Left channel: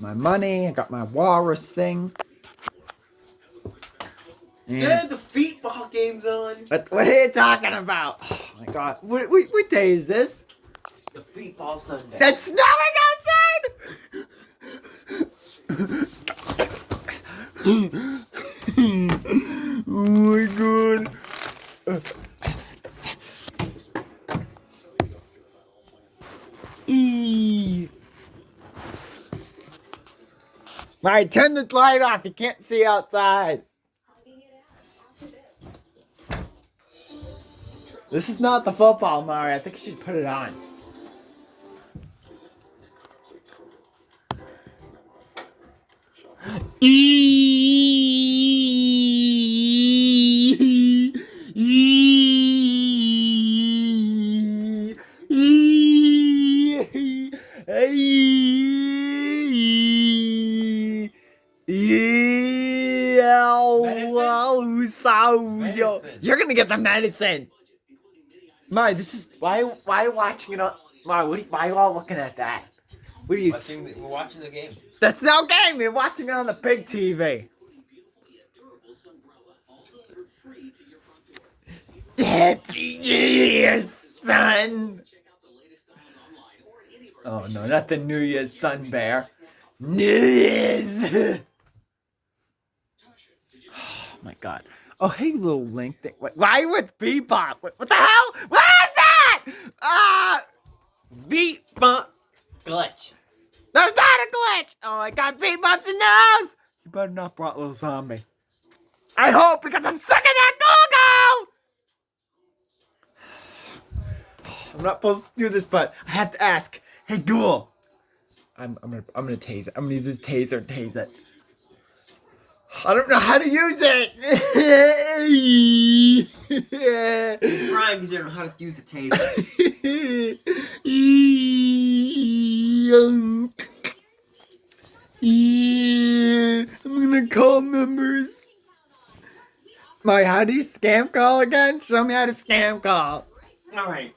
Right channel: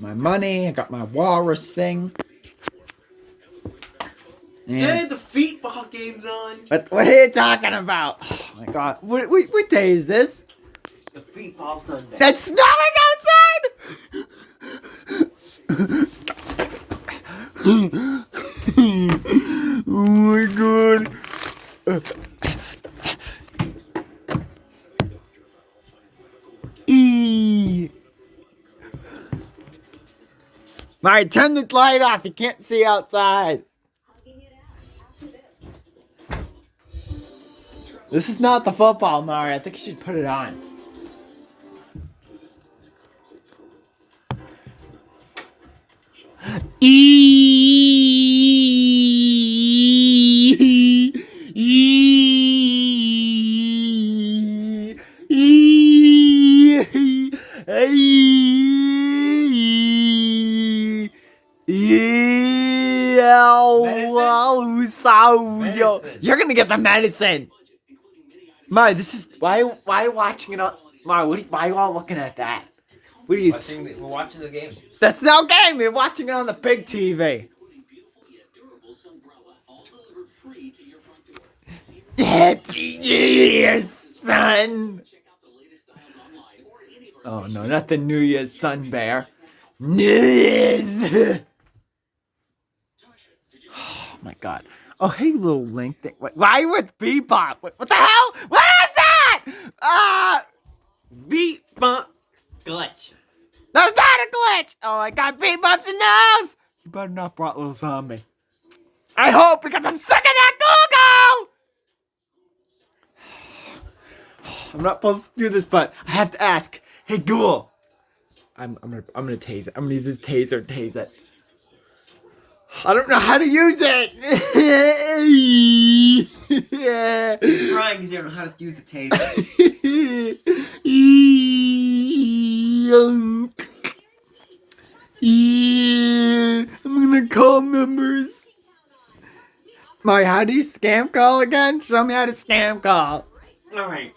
my money. I got my walrus thing. Dad, the feet ball game's on. What are you talking about? Oh my god. What day is this? The feet ball Sunday. That's snowing outside! Oh my god. Alright, turn the light off. You can't see outside. This is not the football, Mario. I think you should put it on. Medicine. You're gonna get the medicine. Mario, this is why are you watching it on Mario? Why are you all looking at that? What are you? We're watching the game. That's no game. You're watching it on the big TV. Happy New Year, son. Oh no, not the New Year's Sun Bear. New Year's. Oh my god. Oh hey, little Link thing. Why are you with Bebop? What the hell? What is that? Beat bump glitch. That's not a glitch! Oh my god, Bebop's in the house! You better not brought little zombie. I hope, because I'm sick of that Google! I'm not supposed to do this, but I have to ask. Hey, Google. I'm gonna tase it. I'm gonna use this taser and tase it. I don't know how to use it! You're crying because you don't know how to use a taser. I'm gonna call members. Mario, how do you scam call again? Show me how to scam call. Alright.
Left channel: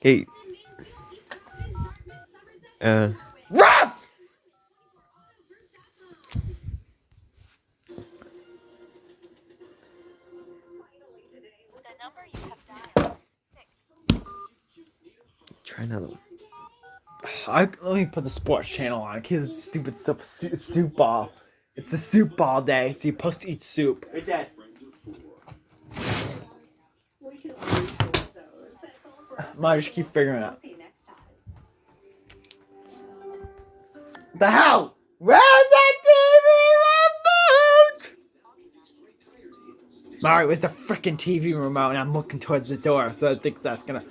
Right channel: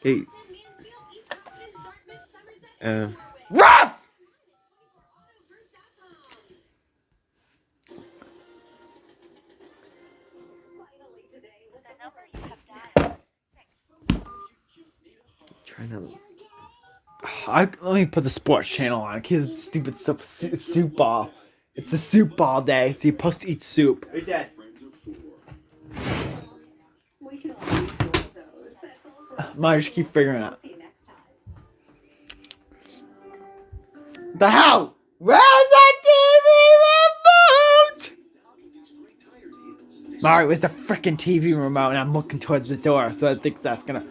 Hey. Ruff! Trying to. Let me put the sports channel on. Kids, stupid soup ball. It's a soup ball day, so you're supposed to eat soup. Hey, Dad. Mario, just keep figuring it out. The hell? Where's that TV remote? Mario, where's the freaking TV remote? And I'm looking towards the door, so I think that's gonna.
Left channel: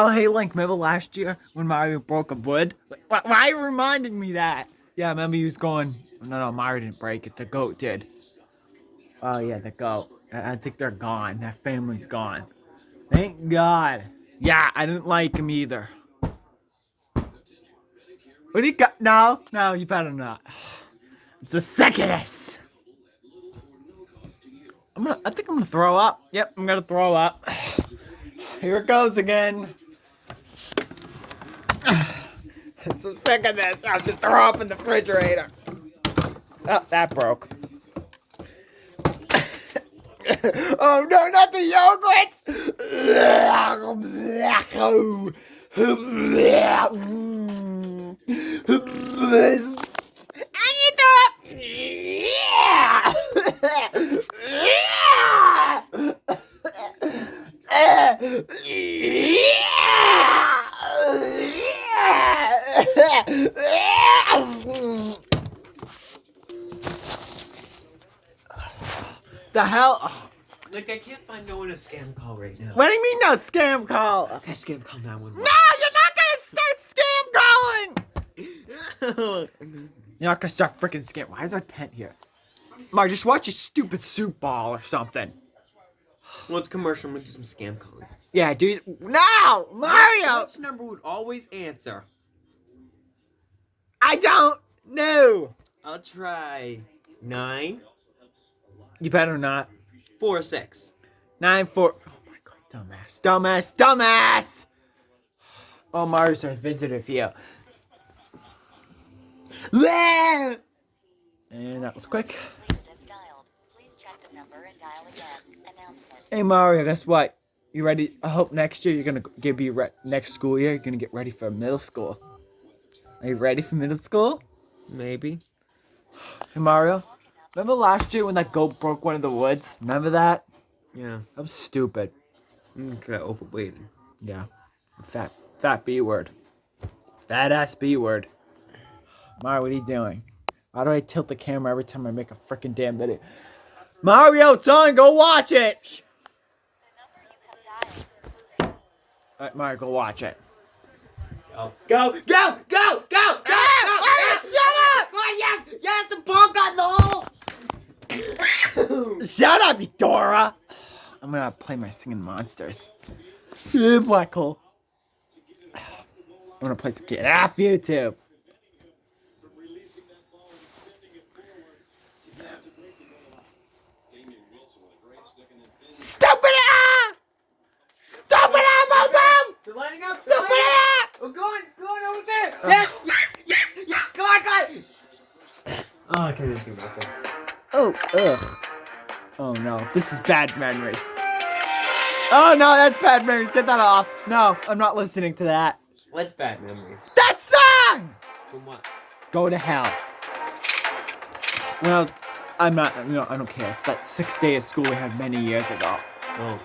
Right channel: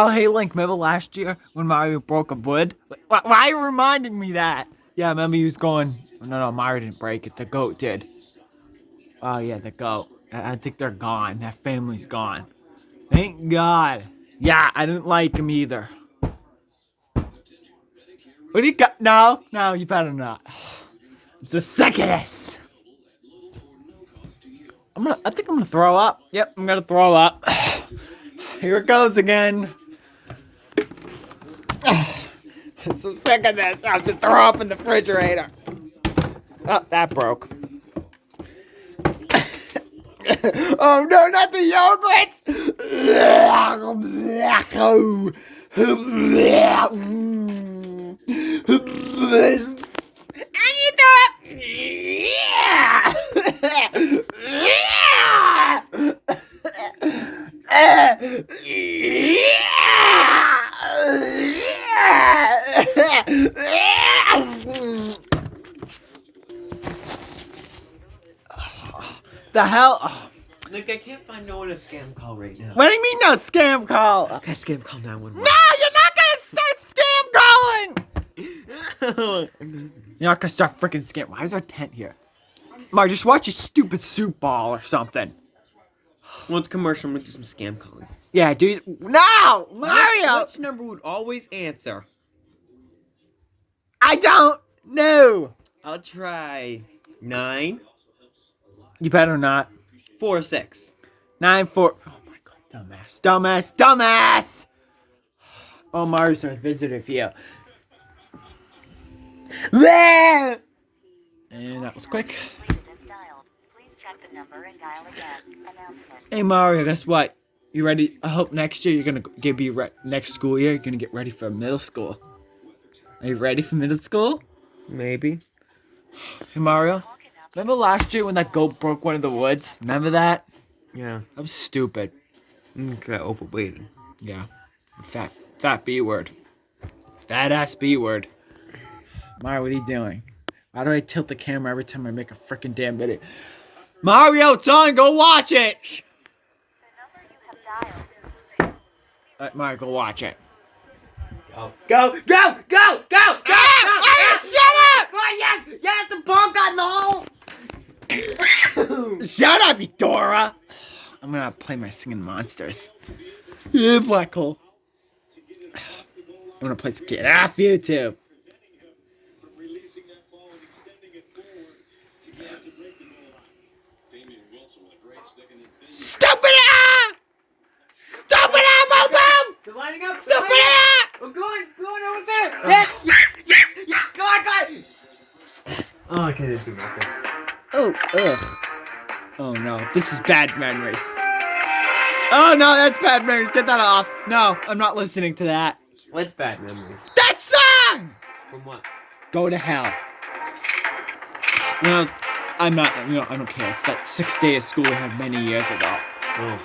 Oh, hey, Link, remember last year when Mario broke a wood? Why are you reminding me that? Yeah, I remember he was going... No, Mario didn't break it. The goat did. Oh, yeah, the goat. I think they're gone. That family's gone. Thank God. Yeah, I didn't like him either. What do you got? No, you better not. I'm so sick of this. I think I'm gonna throw up. Yep, I'm gonna throw up. Here it goes again. I'm so sick of this. I have to throw up in the refrigerator. Oh, that broke. Oh no, not the yogurts! I need that! The hell? Oh. Look, I can't find no one to scam call right now. What do you mean no scam call? Okay, scam call 911. No, you're not gonna start scam calling! You're not gonna start freaking scam. Why is our tent here? Mario, just watch your stupid soup ball or something. Well, it's commercial. I'm gonna do some scam calling. Yeah, dude. No! Mario! Which number would always answer? I don't know. I'll try 9. You better not. 4 6. 9-4. Oh my god, dumbass. Oh, Mario's our visitor here. And that was quick. Hey Mario, guess what? You ready? I hope next year you're gonna next school year you're gonna get ready for middle school. Are you ready for middle school? Maybe. Hey Mario, remember last year when that goat broke one of the woods? Remember that? Yeah. That was stupid. Okay, overweighted. Yeah. Fat B word. Fat ass B word. Mario, what are you doing? Why do I tilt the camera every time I make a freaking damn video? Mario, it's on. Go watch it. Alright, Mario, go watch it. Go! Mario, Shut up! Come on, yes! The ball got in the hole! Shut up, you Dora! I'm gonna play my singing monsters. Yeah, black hole. I'm gonna play some Get Off YouTube. Stupid ah! Stupid ah, Boom! You're lining up! Stupid ah! We're going over there! Yes! Come on! Oh, I couldn't do nothing. Oh, ugh. Oh no, this is bad memories. Oh no, that's bad memories. Get that off. No, I'm not listening to that. What's bad memories? That song! From what? Go to hell. When I don't care. It's that 6th day of school we had many years ago. Oh.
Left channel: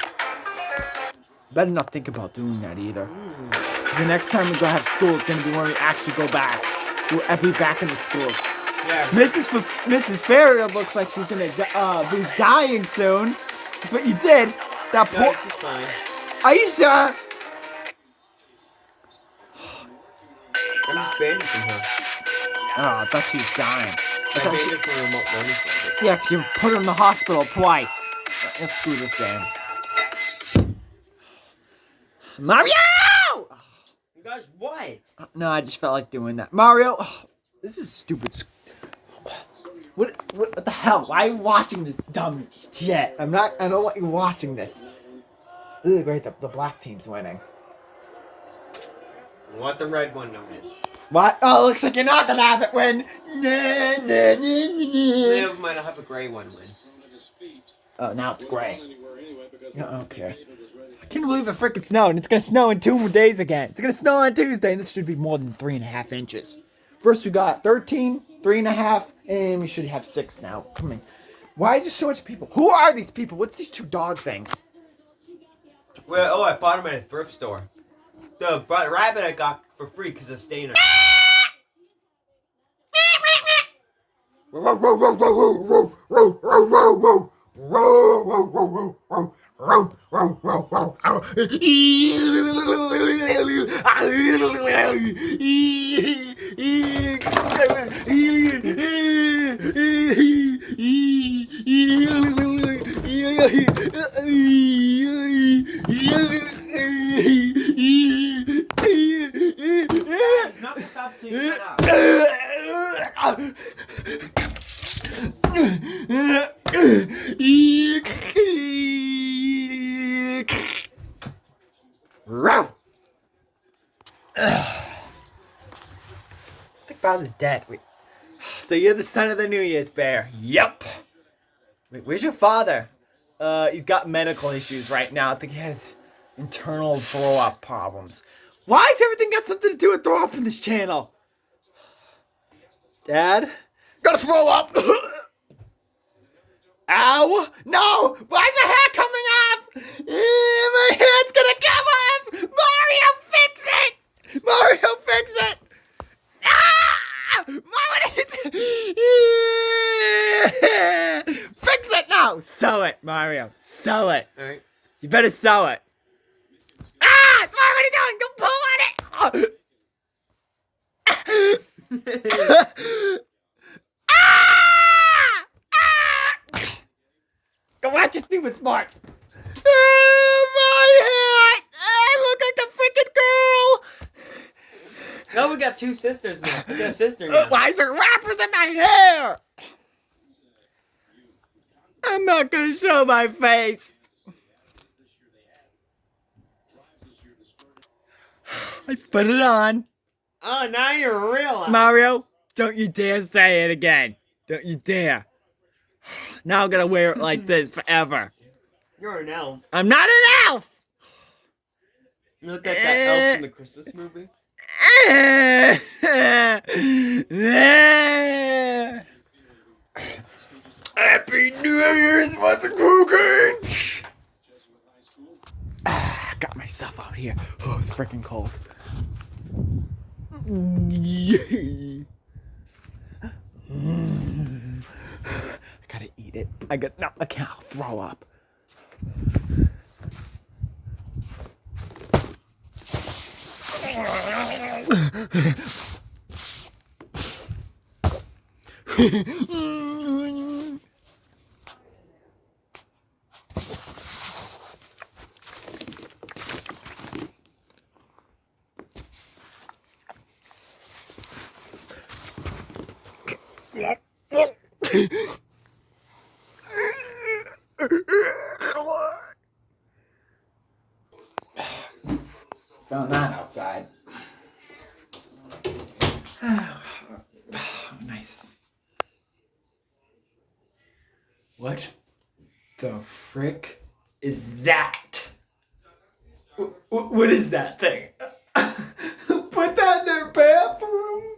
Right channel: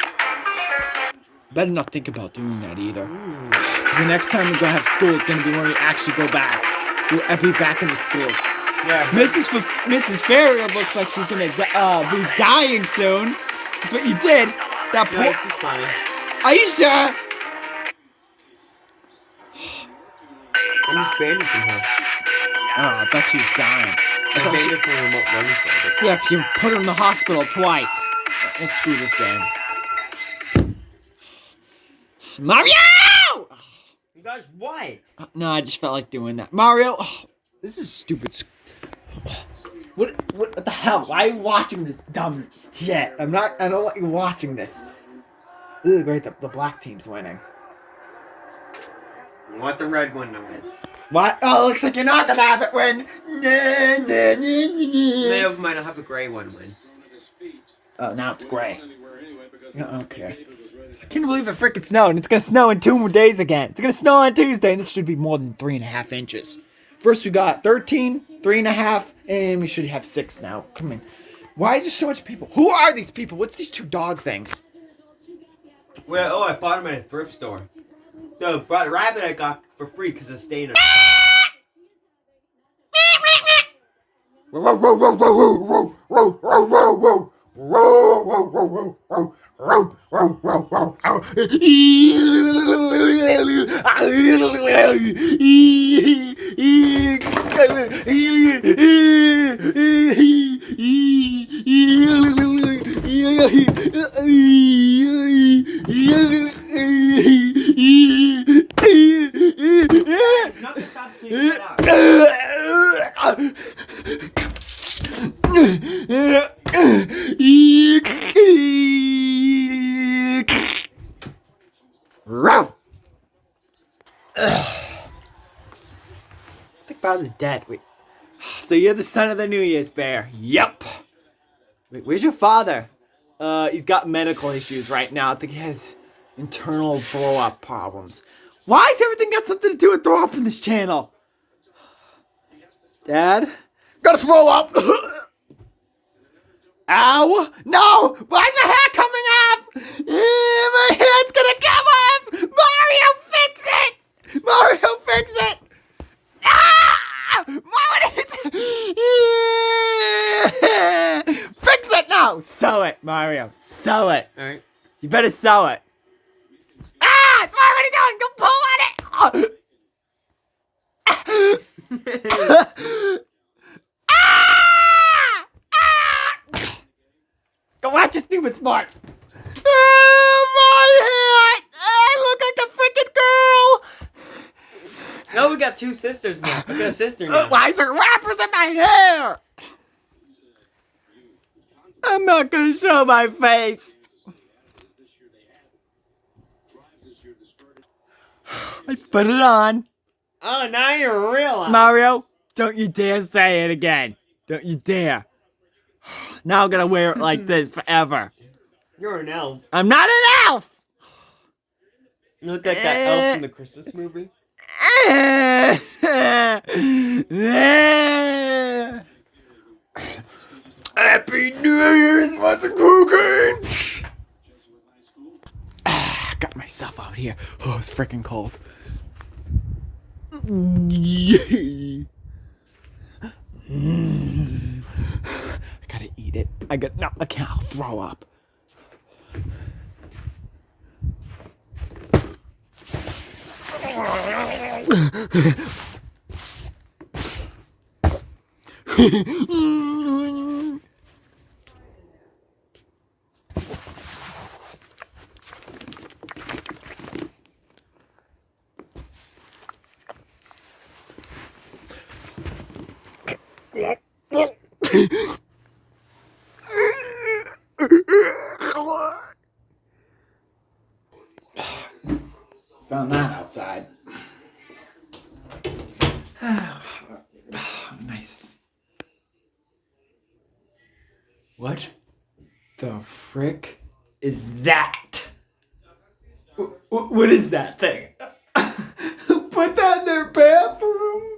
Better not think about doing that either. Because the next time we go have school, it's gonna be when we actually go back. We'll be back in the schools. Yeah. Mrs. Ferrier looks like she's gonna be dying soon. That's what you did. That poor. No, she's fine. Are you sure? I'm just bandaging her. Oh, I thought she was dying. I bandaged her remote learning service. Yeah, 'cause you put her in the hospital twice. Let's screw this game. Mario! You guys, what? No, I just felt like doing that. Mario, this is stupid. What the hell? Why are you watching this dumb shit? I don't want you watching this. Ugh, great, the black team's winning. I want the red one to win. What? Oh, looks like you're not gonna have it win. They might have a gray one win. Oh, now it's gray. I don't care. I can't believe it freaking snowed, and it's gonna snow in 2 more days again. It's gonna snow on Tuesday, and this should be more than 3.5 inches. First we got 13, 3.5, and we should have 6 now. Come in. Why is there so much people? Who are these people? What's these 2 dog things? Well, I bought them at a thrift store. The rabbit I got for free because of staying in. Not to stop till you shut up. I think Bowser's dead. Wait. So you're the son of the New Year's bear? Yep. Wait, where's your father? He's got medical issues right now. I think he has internal throw-up problems. Why has everything got something to do with throw up in this channel? Dad? Gotta throw up! Ow! No! Why's my hair coming off? My head's gonna come off! Mario, fix it! Mario, fix it! Ah! Mario, fix it now! Sew it, Mario. Sew it. Alright. You better sew it. Ah! It's already done! Don't pull on it! Go watch your stupid sports. Oh, my hat! I look like the freaking girl! No, we got 2 sisters now. I got a sister now. Why is there wrappers in my hair? I'm not gonna show my face. I put it on. Oh, now you're real. Mario, don't you dare say it again. Don't you dare. Now I'm gonna wear it like this forever. You're an elf. I'm not an elf! You look like that elf in the Christmas movie. Happy New Year's, what's a cooking? Got myself out here. Oh, it's freaking cold. I gotta eat it. No, I can't. I'll throw up. Found that outside. Nice. What the frick is that? What is that thing? Put that in their bathroom?